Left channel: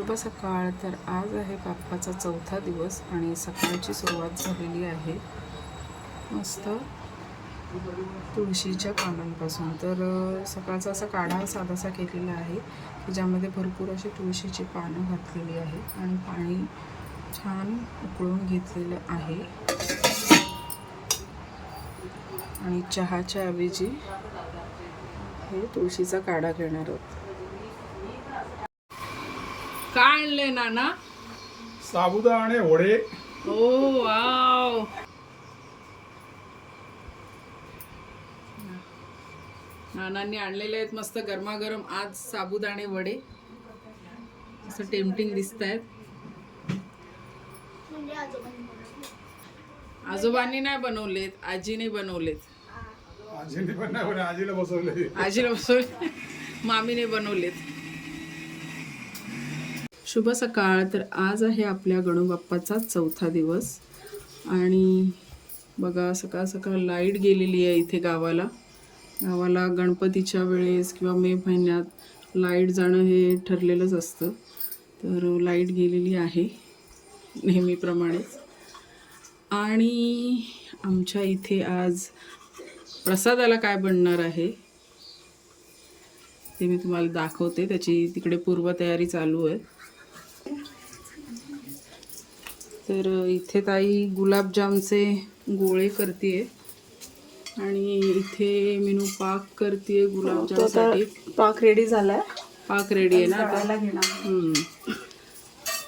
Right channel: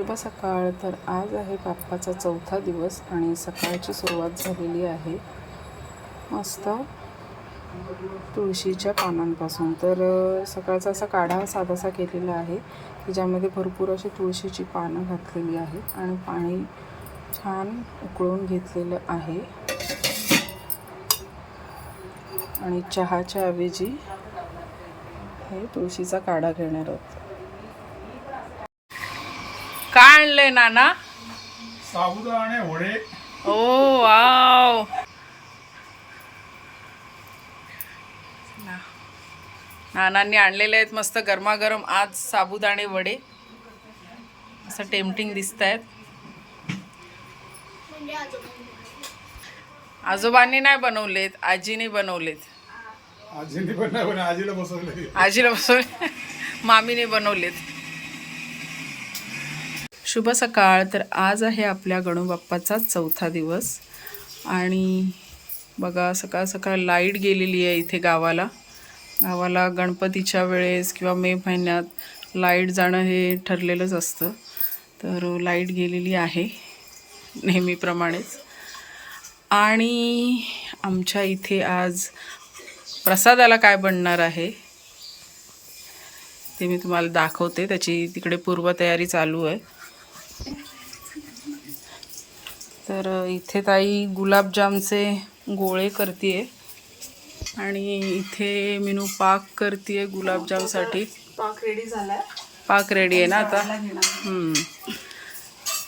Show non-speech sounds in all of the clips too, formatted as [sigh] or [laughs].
शुभ सकाळ. तर आज आहे बाप्पाचा चौथा दिवस आणि सकाळची सुरुवात झालेली आहे. मस्त तुळशीच्या पानांपासून. तर सकाळचा असा काढा साधासा केलेला आहे की ज्यामध्ये भरपूर अशी तुळशीची पानं घातलेली आहेत आणि पाणी छान उकळून घेतलेलं आहे. आणि चहाच्या ऐवजी हे तुळशीचा काढा घेणार आहोत. काय आणलंय नाना? साबुदाणे वडे. ओ वाव. नानांनी आणलेले आहेत मस्त गरमागरम आज साबुदाणे वडे. असं टेम्पटिंग दिसत आहेत आजोबांनी नाही बनवलेत आजीने बनवलेत. आजीला बसवले. आजीला बसवले मामीने बनवलेत. शुभ सकाळ. तर आज आहे आपल्या गणूबाप्पाचा चौथा दिवस. आणि बघा सकाळ सकाळ लाइट गेलेली आहे इथे गावाला. गावाला गणपतीच्या वेळेस किंवा मे महिन्यात लाइट जाणं हे ठरलेलंच असतं. तर लाइट गेलेली आहे नेहमीप्रमाणेच. आणि आमच्या इथे आज प्रसादाला काय बनणार आहे ते मी तुम्हाला दाखवते. त्याची तिकडे पूर्वतयारी चालू आहे. तर इथे ताई गुलाबजामचे गोळे करते आणि इथे मिनू पाक करते गुलाबजामसाठी. पाक रेडी झालाय. पाक रेडी आहे ना आता? हम्म.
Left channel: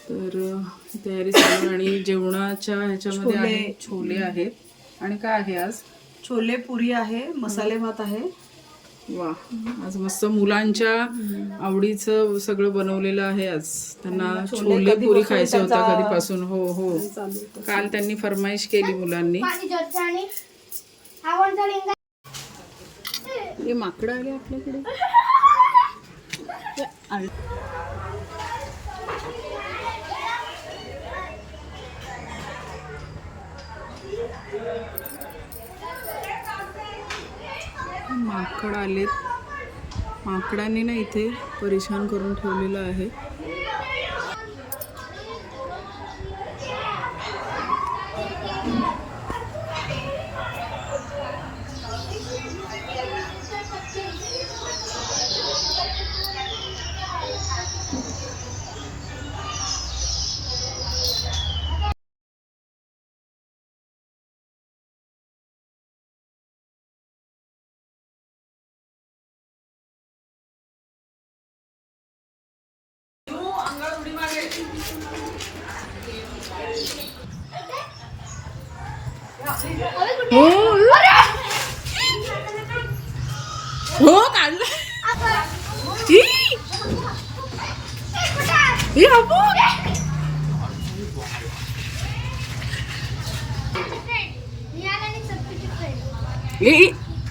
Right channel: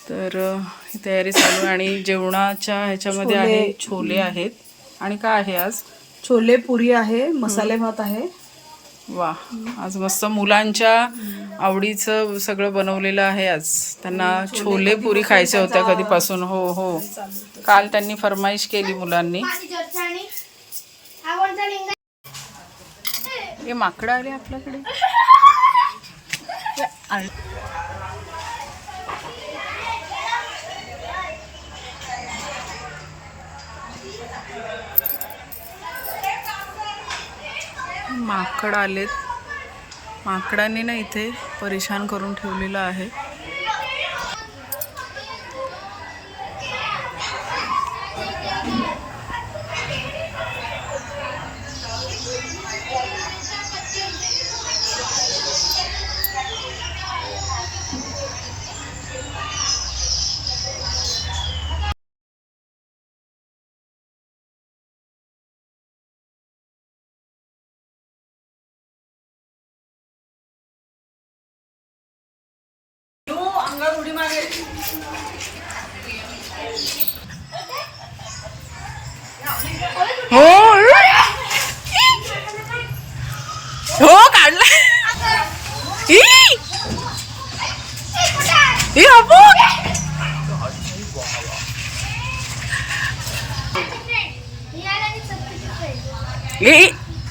तर ही तयारी चालू आहे आणि जेवणाच्या ह्याच्यामध्ये आहे छोले आहेत. आणि काय आहे आज? छोले पुरी आहे मसाले भात आहे. वा आज मस्त मुलांच्या आवडीचं सगळं बनवलेलं आहे आज. त्यांना छोले पुरी खायच्या होत्या कधीपासून. हो हो. काल त्यांनी फरमाईश केली मुलांनी. हे माकडं आले आपल्याकडे. [laughs] माकड आलेत. माकडांनी ना इथे परेशान करून ठेवलेलं आहे.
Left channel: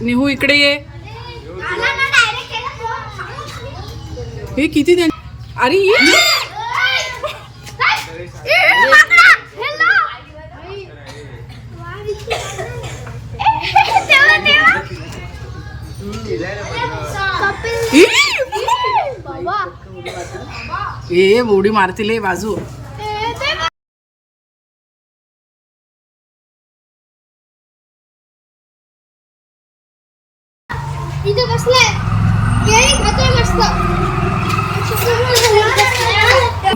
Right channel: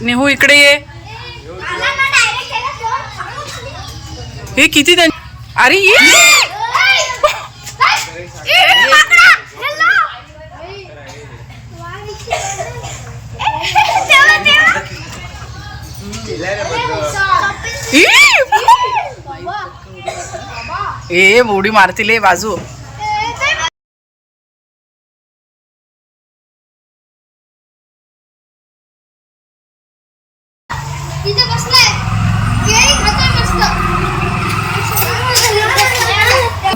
नेहू इकडे ये हे किती त्यां अरे ये! ए बोडी मारतील बाजू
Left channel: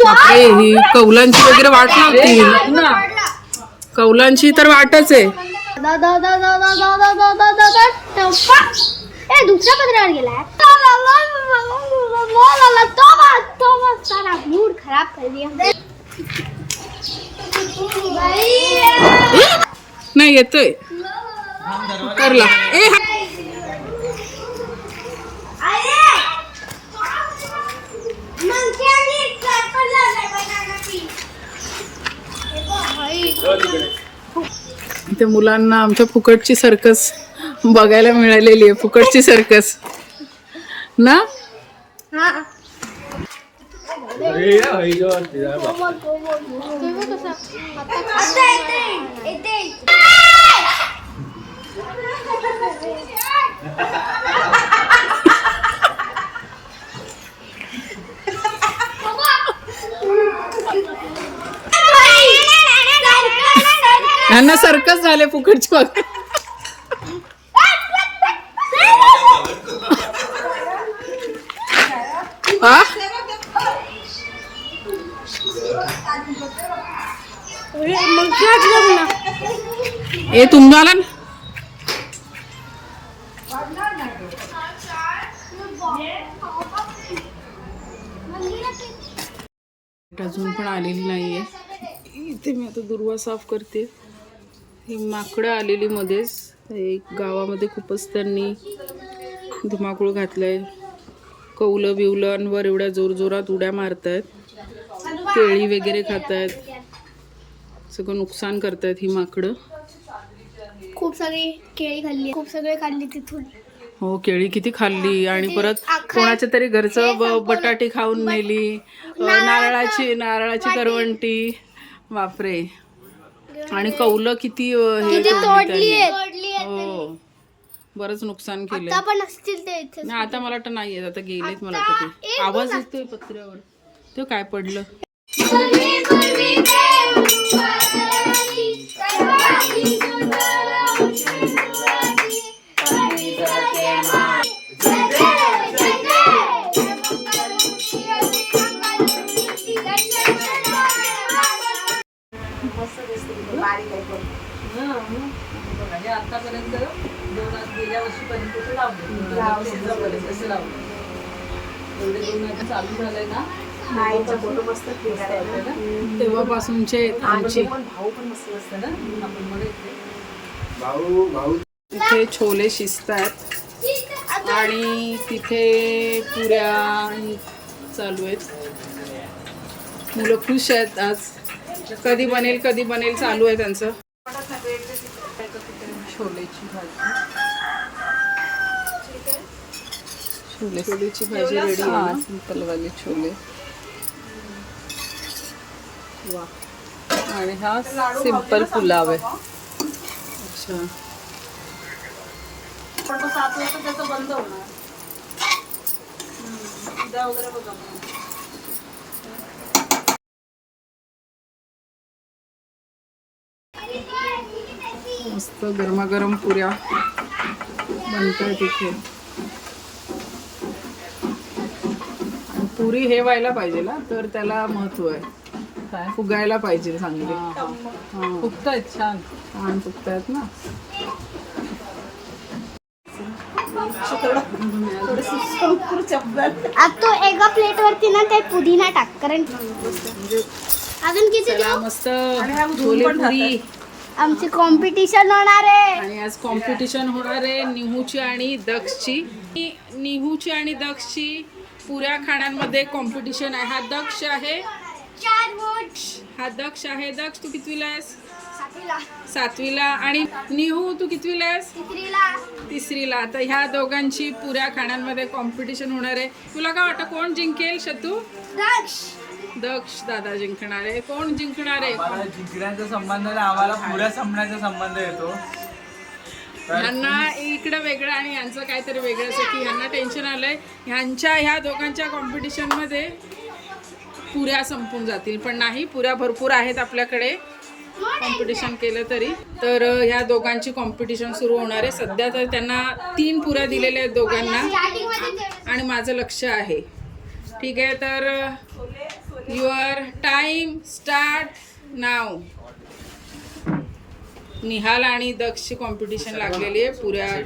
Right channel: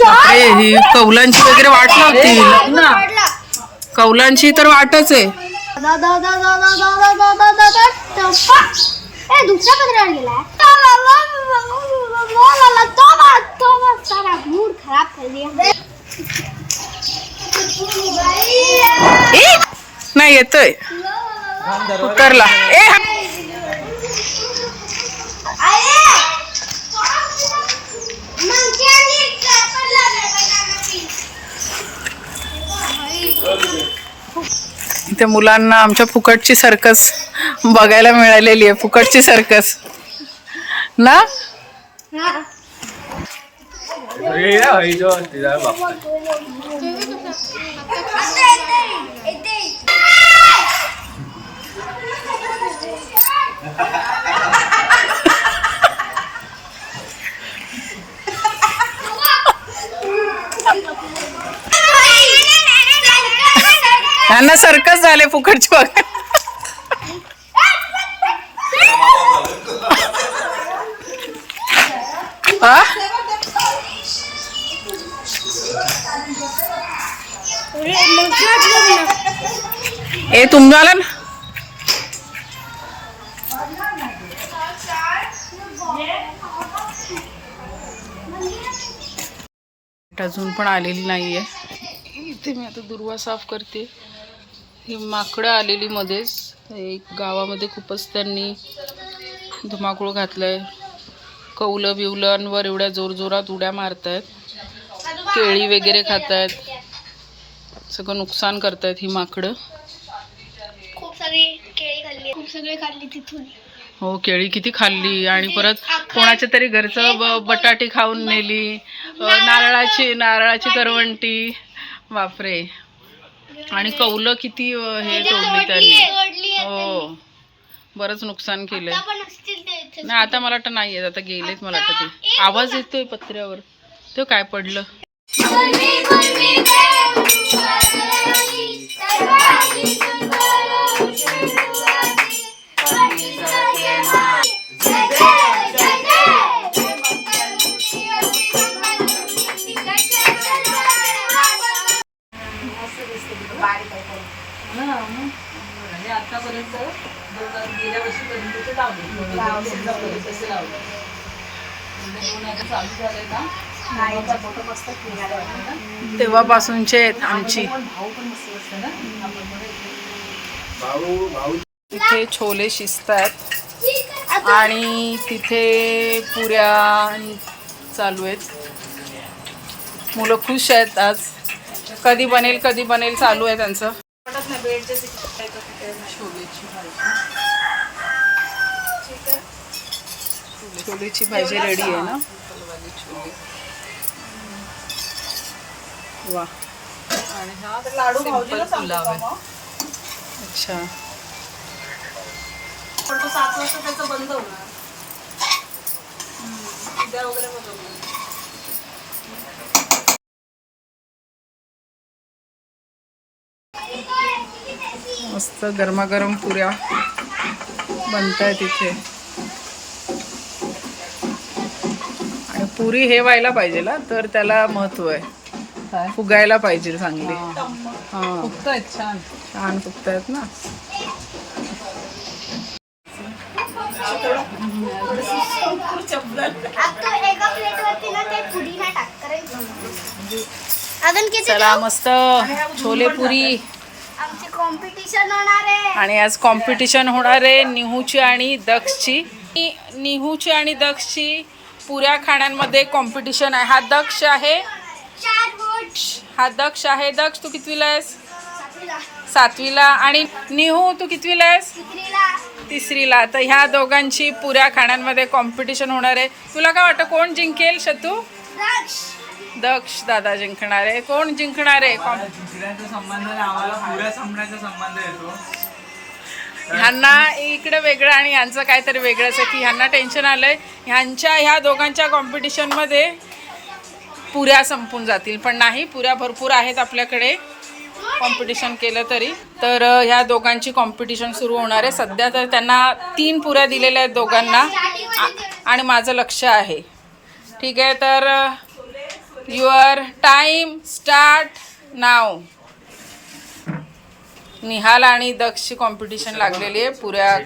बापरे ही कौलांची वगैरे वाट लावतील कौलांची तर वाटच आहे नाही येतोय उतरला ए इथे मुलांना आमच्या फुकटची सर्कस बघायला मिळालेली आहे फुकटची सर्कस. ना? [laughs] [laughs] त्यांना सर्कस झाले फुकटची बघायला ए तुम्हाला ना? अजून पण आलेली नाही आहे इथे मी आता दुर्वा साफ करते. ही माकडं आलेली मध्येच. एक गावामध्ये खूपच त्यांनी धुमाकूळ घातलाय. कौलं बिवलंवर एवढ्या जोरजोरात उड्या मारतायत. केळी वगैरे खातायत. सगळं नुकसान करतायत ही माकडं. खूप सगळी केळी खाल्ली. खूप सगळे काढली तिथून. हो केळी किती खाल्ली आणि परत कोणाच्या तरी घरचं ब बटाटी खाऊन नेली नारळाची नारळाची करवंटी बापरे आणि कौलं किती हे तोडली त्यांनी हो बरंच नुकसान इथे नाही आता मला वाटतं नाही येत आता गेलेत मला वाटतं ते आवाज येतोय पत्र्यावर तो काय पडलं तेव्हापासूनचे आहेत आमची. इथे. छोले शिजत आहेत आणि तिथे पुऱ्या चालू आहेत. मुलं खुश आहेत आज. कधी बनेल कधी बनेल चालू आहे त्यांचं. छोलेची भाजी छोले- छोलेची भाजी रेडी आहे ना? सिंपलवाली छोले. वा. आणि हा सिंपल पुलाव आहे. अच्छा. पण तो सात वाजता त्याचं बंद होणार. उद्या वगैरे बघा. मग. मस्त गरमागरम पुऱ्या बनत आहेत इथे. पुरी हे व्हायला पाहिजे ना तर त्याला महत्त्व आहे. फुगायला पाहिजे चांगली. हा. फुगतायत छान. छान फुगतायत ना. आता तो एका प्लेट वरती ना ते पुदिना टाक कारण अजून किती चला मस्त छोले पुरी. आमची कॉम्पिटिशन होणार आहे. आणि आज कॉम्पिटिशन होणार आहे निहूची आणि दक्षची. नि- निहूची आणि दक्षची. पुऱ्या खाण्यांमध्ये कॉम्पिटिशन आहे. हा दक्ष आहे. हा दक्ष आहे. दक्ष तू कितवीला आहेस? सातवीला. आणि निहू तू कितवीला आहेस? तिसरीला. तर ह्या दोघांची पुऱ्या खाण्यांमध्ये कॉम्पिटिशन होणार आहे. तुला काय वाटतं कोण जिंकेल शतू दक्ष दक्ष दादा जिंकणार. आहे कोण जिंकणार? आहे ह्यांना इकडं वेगळं आणि यांचं काहीतरी वेगळंच आहे की ह्यांना टेन्शन आलंय. ह्यांच्या ह्या दोघांच्या कॉम्पिटिशनमध्ये पुऱ्या संपून जातील. पण नाही पुऱ्या भरपूर आहेत आपल्याकडे कॉम्पिटिशन केलं तरी. तर ह्या दोघांची कॉम्पिटिशन सुरू होणार आहे. सध्या तर त्यांना तीन पुऱ्या दिलेल्या आहेत दोघांना. आणि माझं लक्ष आहे. ठीक आहे तर युअर टाईम स्टार्ट नाव निहाल आणि दक्षची कॉम्पिटिशन लागलेली आहे पुऱ्या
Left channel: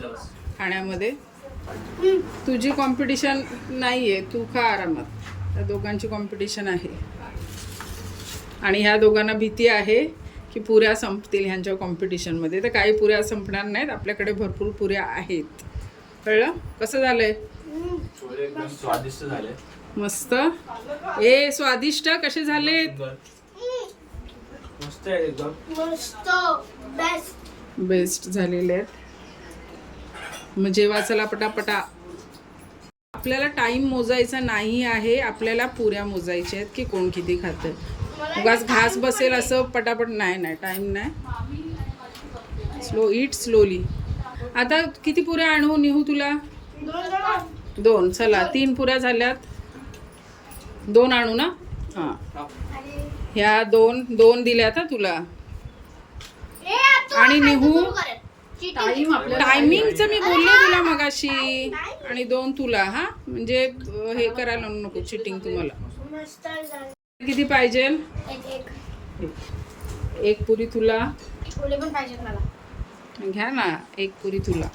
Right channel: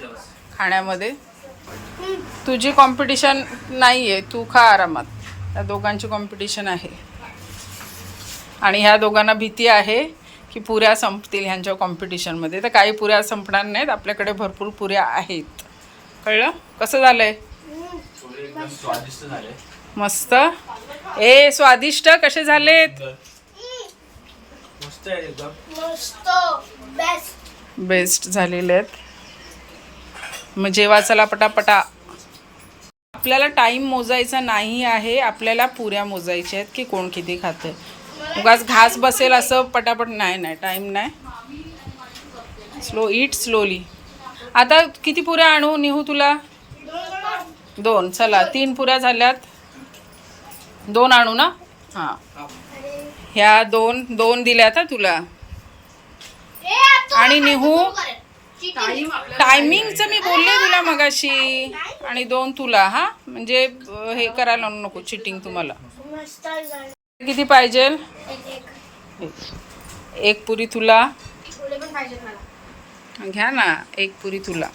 खाण्यामध्ये. तुझी कॉम्पिटिशन नाही आहे तू खा आरामात. त्या दोघांची कॉम्पिटिशन आहे. आणि ह्या दोघांना भीती आहे की पुऱ्या संपतील ह्यांच्या कॉम्पिटिशनमध्ये तर काही पुऱ्या संपणार नाहीत आपल्याकडे भरपूर पुऱ्या आहेत. कळलं? कसं झालंय? छोले एकदम स्वादिष्ट झाले मस्त ए स्वादिष्ट कसे झालेत बेस्ट झालेले आहेत. मग जेव्हा चला पटापटा. आपल्याला टाईम मोजायचा नाही आहे आपल्याला पुऱ्या मोजायच्या आहेत की कोण किती खातं. उगाच घास बसेल असं पटापट नाही नाही टाईम नाही. स्लो इट स्लोली आता किती पुऱ्या आणू निहू तुला? दोन. चला तीन पुऱ्या झाल्यात. दोन आणू ना? हां. ह्या दोन दोन दिल्यात आता तुला. आणि निहू? टायमिंगचं मी बोलले तुला मगाशी. आणि दोन तुला हा? म्हणजे हे करायला नको चिटिंग तुम्हाला. किती पाहिजे? एक पुरी तुला. पुरे पण पाहिजे मला. घ्या ना एक पुरी तुला.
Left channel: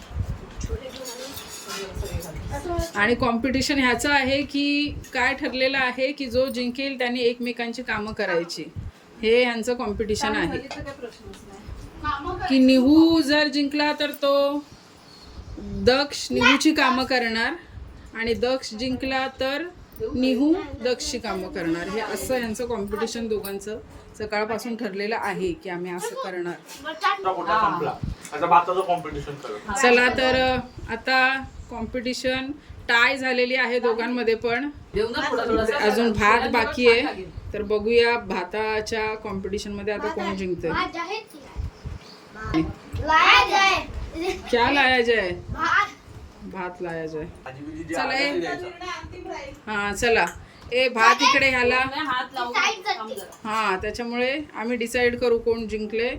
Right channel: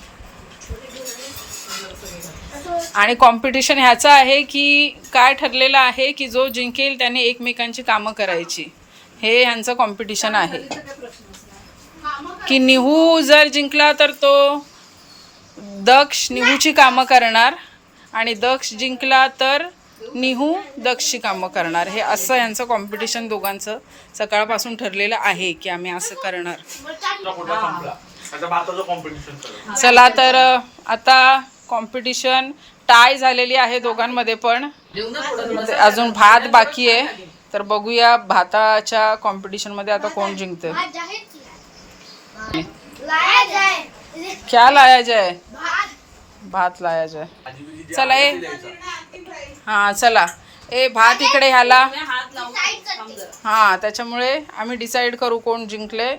आणि कॉम्पिटिशन ह्याचं आहे की काय ठरलेलं आहे की जो जिंकेल त्याने एकमेकांची कामं करायची. हे ह्यांचं कॉम्पिटिशन आहे. की निहू जर जिंकला तर तो दक्ष निहूची कामं करणार आणि दक्ष जिंकला तर निहू दक्षची कामं करणार. हे असं यांचं कॉम्पिटिशन दोघांचं सकाळपासून ठरलेलं आहे की आम्ही असं करणार. चला तर आता कॉम्पिटिशन टाय झालेली आहे दोघांमध्ये पण. अजून भात बाकी आहे. तर बघूया भाताच्या कॉम्पिटिशनमध्ये आता कोण जिंकतं लाया जाए क्या लाया जाए? भात भात लाया जाए। चला ए। हां चला। ए भात इकडे ह्याला। हां त्याच्यामुळे आम्ही डिसाईड करू कोण जिंकले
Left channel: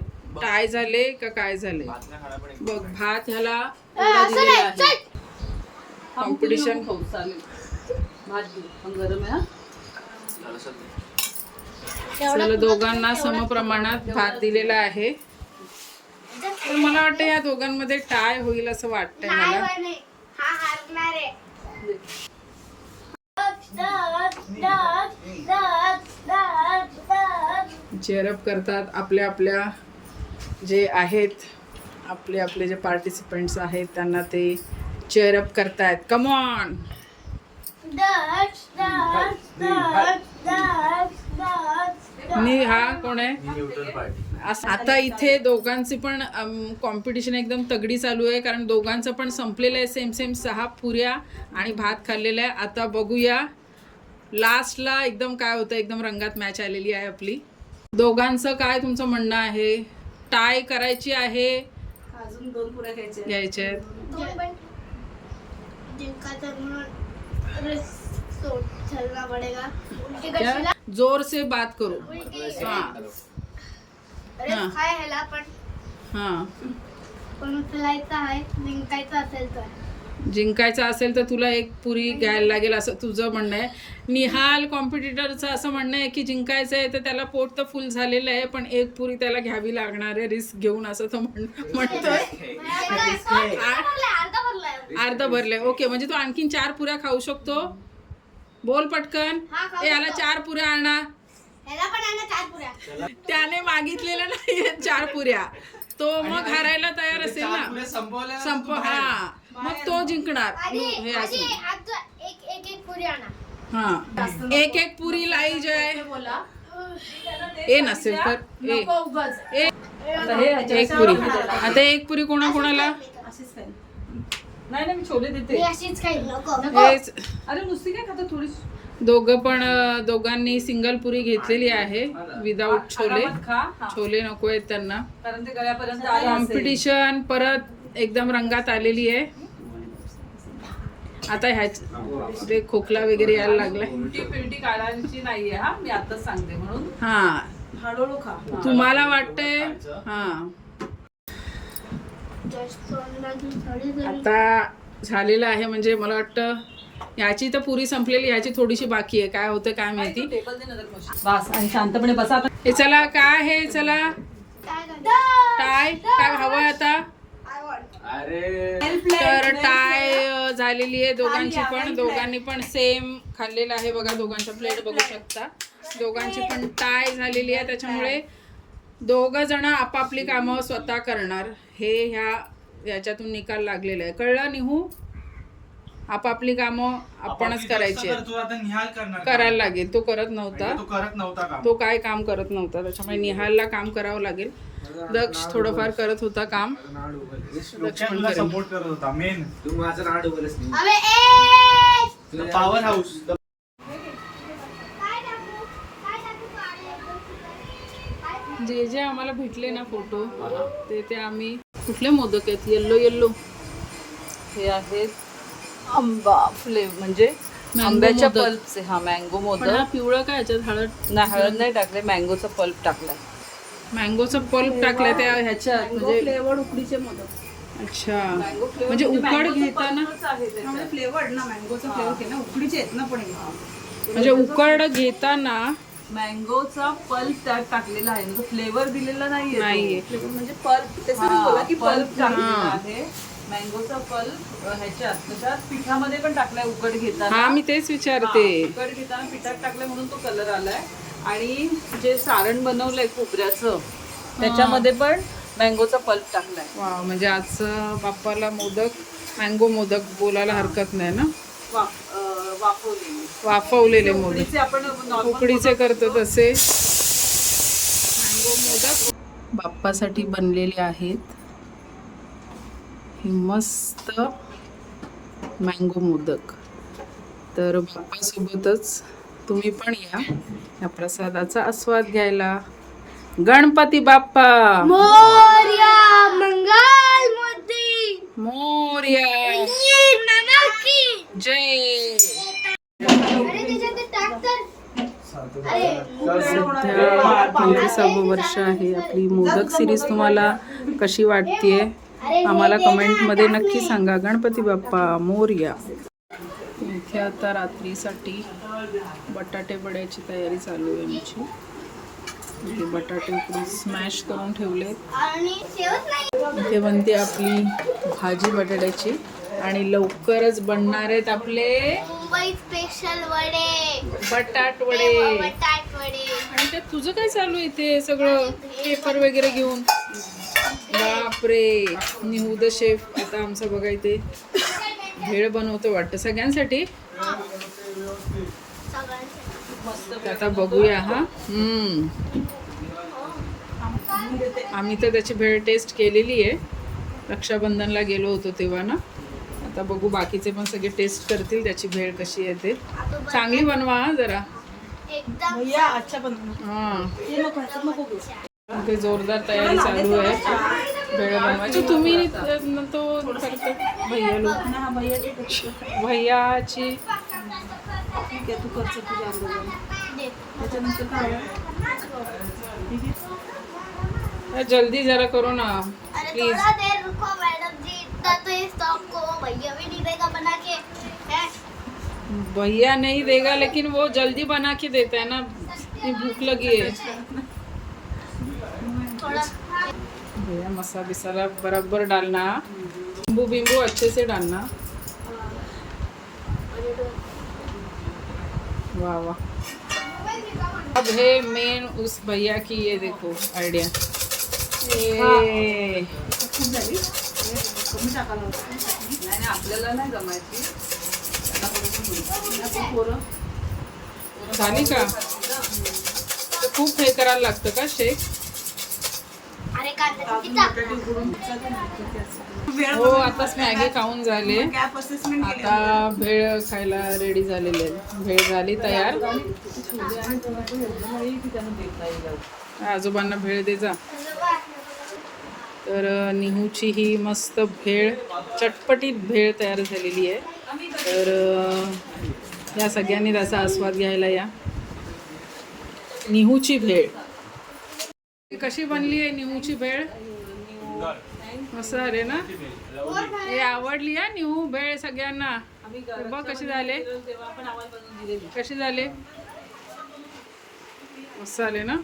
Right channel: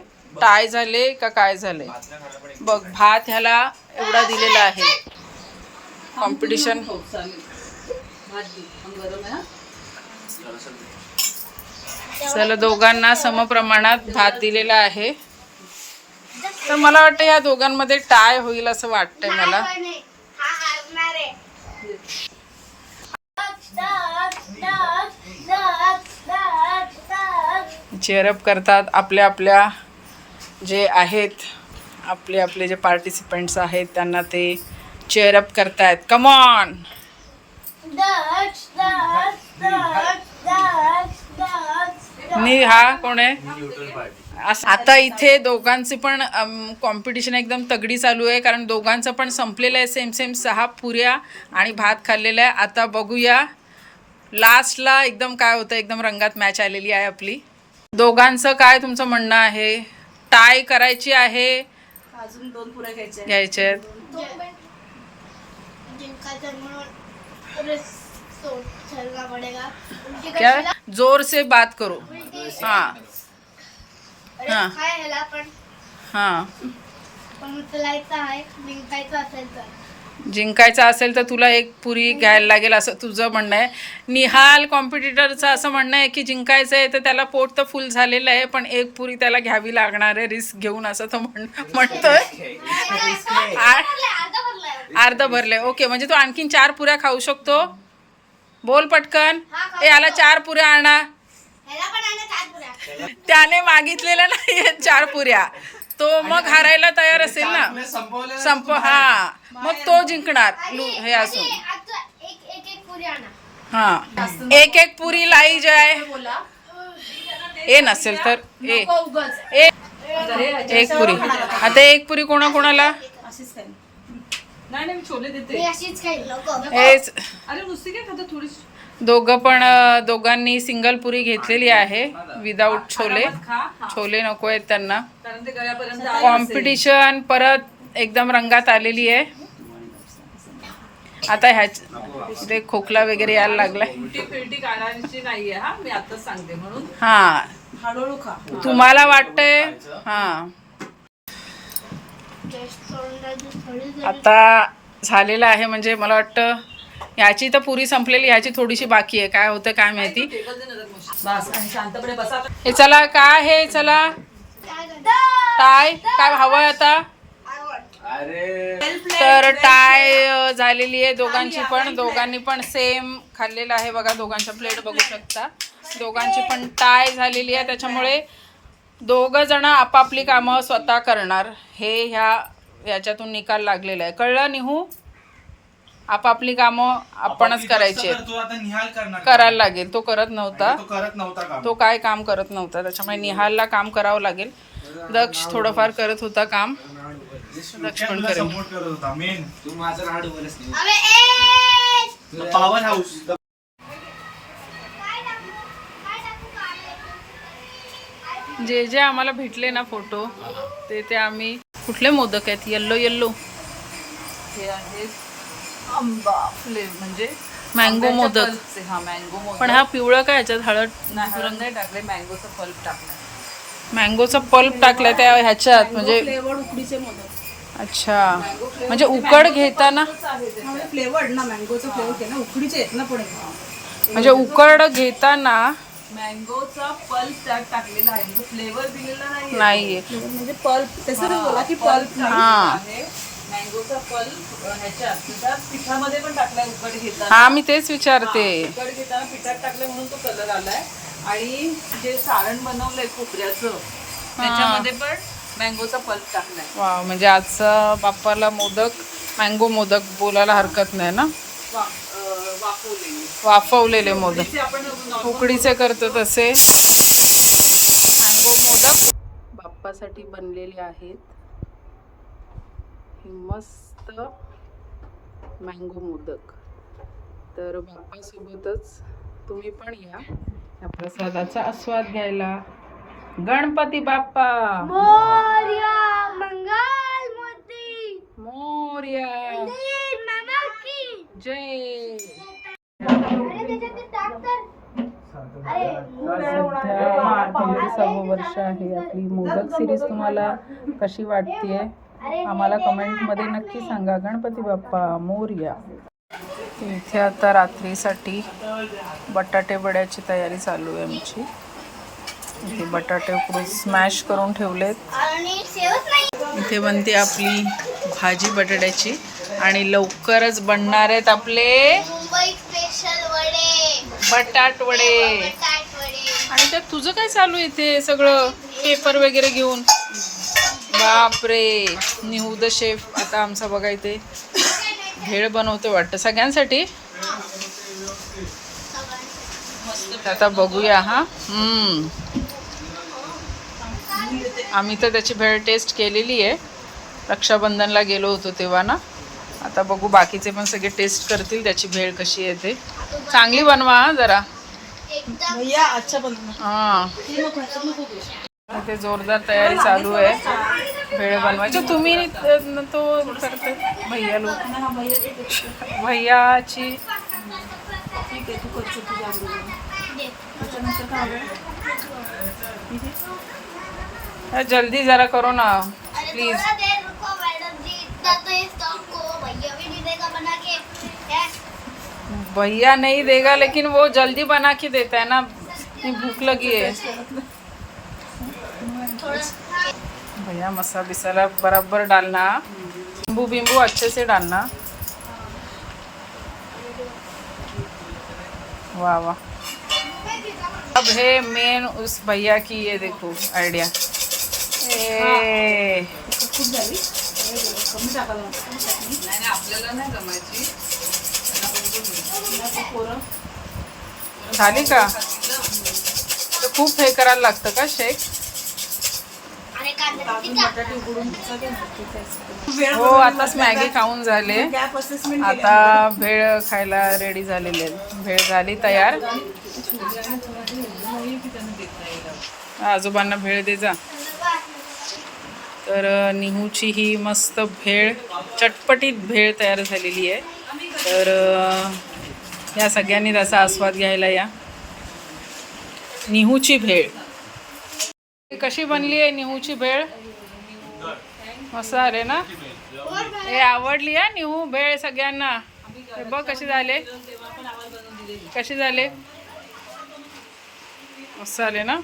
टाय झाले का काय झाले. बघ भात ह्याला एवढा दिलेला आहे. कॉम्पिटिशन चला दोघांना समप्रमाणात भात दिलेला आहे. तर मला वाटतं या दोघांमध्ये टाय होईल असं वाटतंय मला. हा. चेअरअप करतात आपल्या आपल्या जे आहेत आपले आपले जे पार्टिसिपंट्स आहेत त्यांना ते चेअरअप करतायत. कमॉन. नि हा कोण आहे? न्यूटन पार्टी असं- आता इथे दोघांची पण कॉम्पिटिशन एकदम तगडी चालू आहे. कारण दोघांचं पण संपलेलं आहे. सेम सेम सहा पुऱ्या आणि भात खाल्लेला आहे. आता बघूया. लास्टला एकदम काय होतं? एकदम रंगात मॅच आलेली आहे आपली. दोघांचं काय तुमचं म्हणणं आहे? टाय करायची आहे. अजून दोन पुऱ्या घ्यायच्या घ्यायचे आहेत? जोर से बात करो. उलटी हां. रिस्क हां. आहे ह्याला पण. हां. पण उचलायचं आहे जिंकायचं असेल तर. जिंकायचं असेल तर तुला एक पुरी घ्यायला लागेल असं तुझं म्हणणं आहे. निहाल कॉम्पिटिटरचं असं म्हणणं आहे की जिंकायचं आहे तर त्याला पोट तर फुल झालेलं आहे पण एक पुरी त्याला घ्यावी लागणार आहे रिस्क घेऊन असं तो म्हण म्हणतोय. आ- अर्धा भरलाय. अर्ध भरलंय. ओके म्हणजे तो आणखीन चार पुऱ्या खाऊ शकतो. बोल पटकन. हा, खाऊ ए याला शकतो. चार पुऱ्या आणा. त्याने मागितलेल्या नाही चार पुऱ्या. तो मग हारायला तयार असेल ना. संप हा. मग तो जिंकणार. लू- हे असून. हा. एक एक पुरी लाई जाय. ए नसेल तर. ए. ए. एक पुरी. आता एक पुरी कोणा कोणाला नाही नाही मी छोले देते. अरे नुसती काय खाता? थोडी दोघं पण दोघांनी सिंगल पुरी घेतलेली आहे विदाऊट छोले. छोले नको आहेत त्यांना. कॉम्पिटिशन परत एकदम रंगात आलेली आहे. आता ह्याच इथे खोकला वगैरे यायला लागलाय. हा. तुम्हाला वाटतंय? हा. आता झालेलं आहे म्हणजे मला वाटतं ह्याची तर पुरी संपलेली ह्याची थोडीशी बाकी आहे. काय होतं काय माहिती? शांतपणे बसा. हे चला काय हे चला? टाय काय हवंय आता? तर टाय झालेली आहे दोघांची पण. दोघांनी पण सेम खाल्लेलं आहे बघा. दोघांच्या प्लेट बघू शकता. दोघांची पण टाय झालेली आहे. त्याच्यामुळे दोघं जण आपापली कामं स्वतः करणार. हे ह्या याच्यातून निकाल लागलेला आहे. कळलं निहू? आपापली कामं आपणच करायची आहेत. तो आता निहाल करणार करायला लागेल. तो करत नव्हता. तो करत नव्हता काम. तो काय काम करत नव्हता. त्याच्यामुळे निहालला काम करावं लागेल. दक्ष थोडंफार करत होता काम. दक्ष पण करेल. सपोर्ट करत होता मेन तू माझं राड उभरच नाही. अबे ए पॉवर हाऊस काय टाकू काय टाकू? काय जे जे आम्हाला भेटले ना फोटो ते ते आम्ही कुठले मोदक आहेत? Yellow yellow. हे आहे आंबा फ्लेवर म्हणजे मँगो मोदक. हा मँगो मोदक. पण हा पिवळा काय याच्यात हळद? नाही हळद नाही टाकले मँगोचा पल्प टाकला. मँगोचा पल्प टाकलाय त्या ह्याच्यात म्हणजे फ्लेवर उकडीचे मोदक. अच्छा. म्हणजे उकड घेताना? फ्लेवर्ड ना मँगोचा फ्लेवर ना उकडीचे आहेत ना पण हे. म्हणजे उकड घेताना मँगोचा पल्प त्यात टाकलेला आहे. म्हणजे फ्लेवर दिलेला नाहीये. नाहीये. म्हणजे पल्प त्याचं बोला की पल्प हा. आहे. मँगोचा पल्प ह्याच्यात त्याच्यात पिठामध्ये पण टाकलाय उकड घेताना. हा मी तेच विचारते. उकड घेताना पिठात टाकलंय म्हणून तो कलर आलाय. आणि जे सारण बनवलंय खोबऱ्याचं त्याच्यामध्ये पण मँगोचा पल्प टाकलाय. वा म्हणजे आजचा बाप्पाला मोदक मँगो मोदक बोलायला हरकत नाही ना? वा- अं, वाफवलेली. वाफवलेले मोदक. ते आपण normal उकडीचे करतो तसे. मँगो मोदक. बाप्पासाठी बनलेले आहेत हे मस्त मँगो मोदक. तर बाप्पासोबतच तुम्ही पण या. या प्रसादाचा आस्वाद घ्यायला. गणपती बाप्पा! मोर्या मंगल मूर्ती. मोर्या! जय! सध्या पंचवीसावं वर्ष आहे आपली मोदक सिरीज तुम्हाला कशी वाटतेय? आम्हाला कमेंटमध्ये नक्की सांगा गणपती बाप्पा मोरया. इथे आता रात्रीसाठी बटाटे वड्याची तयारी चालू आहे आमची. इथे बटाटे उकडून स्मॅश करून ठेवलेत. इथे बनते आपली भाजी बटाट्याची आणि लवकरच बनणार आहेत आपले बटाट वडे. बटाट वडे. आणि त्यात तुझं काय चालू आहे ते सगळं पेपर वगैरे घेऊन? बापरे निहू द शेफ. आता आमचा बघा इथे भेळ बनवतो वाटतं सगळ्यांसाठी. आता बघूया हा. हम्म. आम्ही तर त्याची भेळ टेस्ट केलेली आहे. रक्षाबंधनला गेलो होतो तेव्हा ना. आता बघू बाकीचे पण सगळे टेस्ट करतील त्याची भेळ कशी येते चांगली बनवा हा जरा. हां. इथे जोरदार तयारी चालू आहे. भेळ बनवायची. तुम्ही न- तो करते भैया लोक. भैयाची. अरे जल्दी जरा करो ना. अरे प्लीज थोड़ा देर रुको मैडम जी. इतना तो इस स्टॉक को भैया भी नहीं देगा बना के. है? भैया नहीं देगा लेकिन वो जल्दी बना के देता है ना. इतनी भूख लगी है. भैया मसाला बिसाला बराबर डालना। नींबू बिम्बू अच्छे से डालना। वाह वाह। अब है मेन उस भैया की ये देखो आइडिया ए। झाली का? तर खूप हे करायला लागतं का शेक? हो आताच मॅगी खाऊन झाले. आता भेळ खायला रेडी झालेले आहेत. भेळ झाली तयार. आजोबांना भेळ दे जा. तर निहूची ही मस्त भेळ चटपटीत भेळ तयार झालेली आहे. तर या सगळ्यांनी त्याचा आस्वाद घ्यायला या. निहूची भेळ. कशी बनली आहे निहूची भेळ? मस्त झाले ना? हे आवडली आहे निहू भेळ सगळ्यांना? हे बघ कसे झाले. कसे झाले? मस्त झाले ना?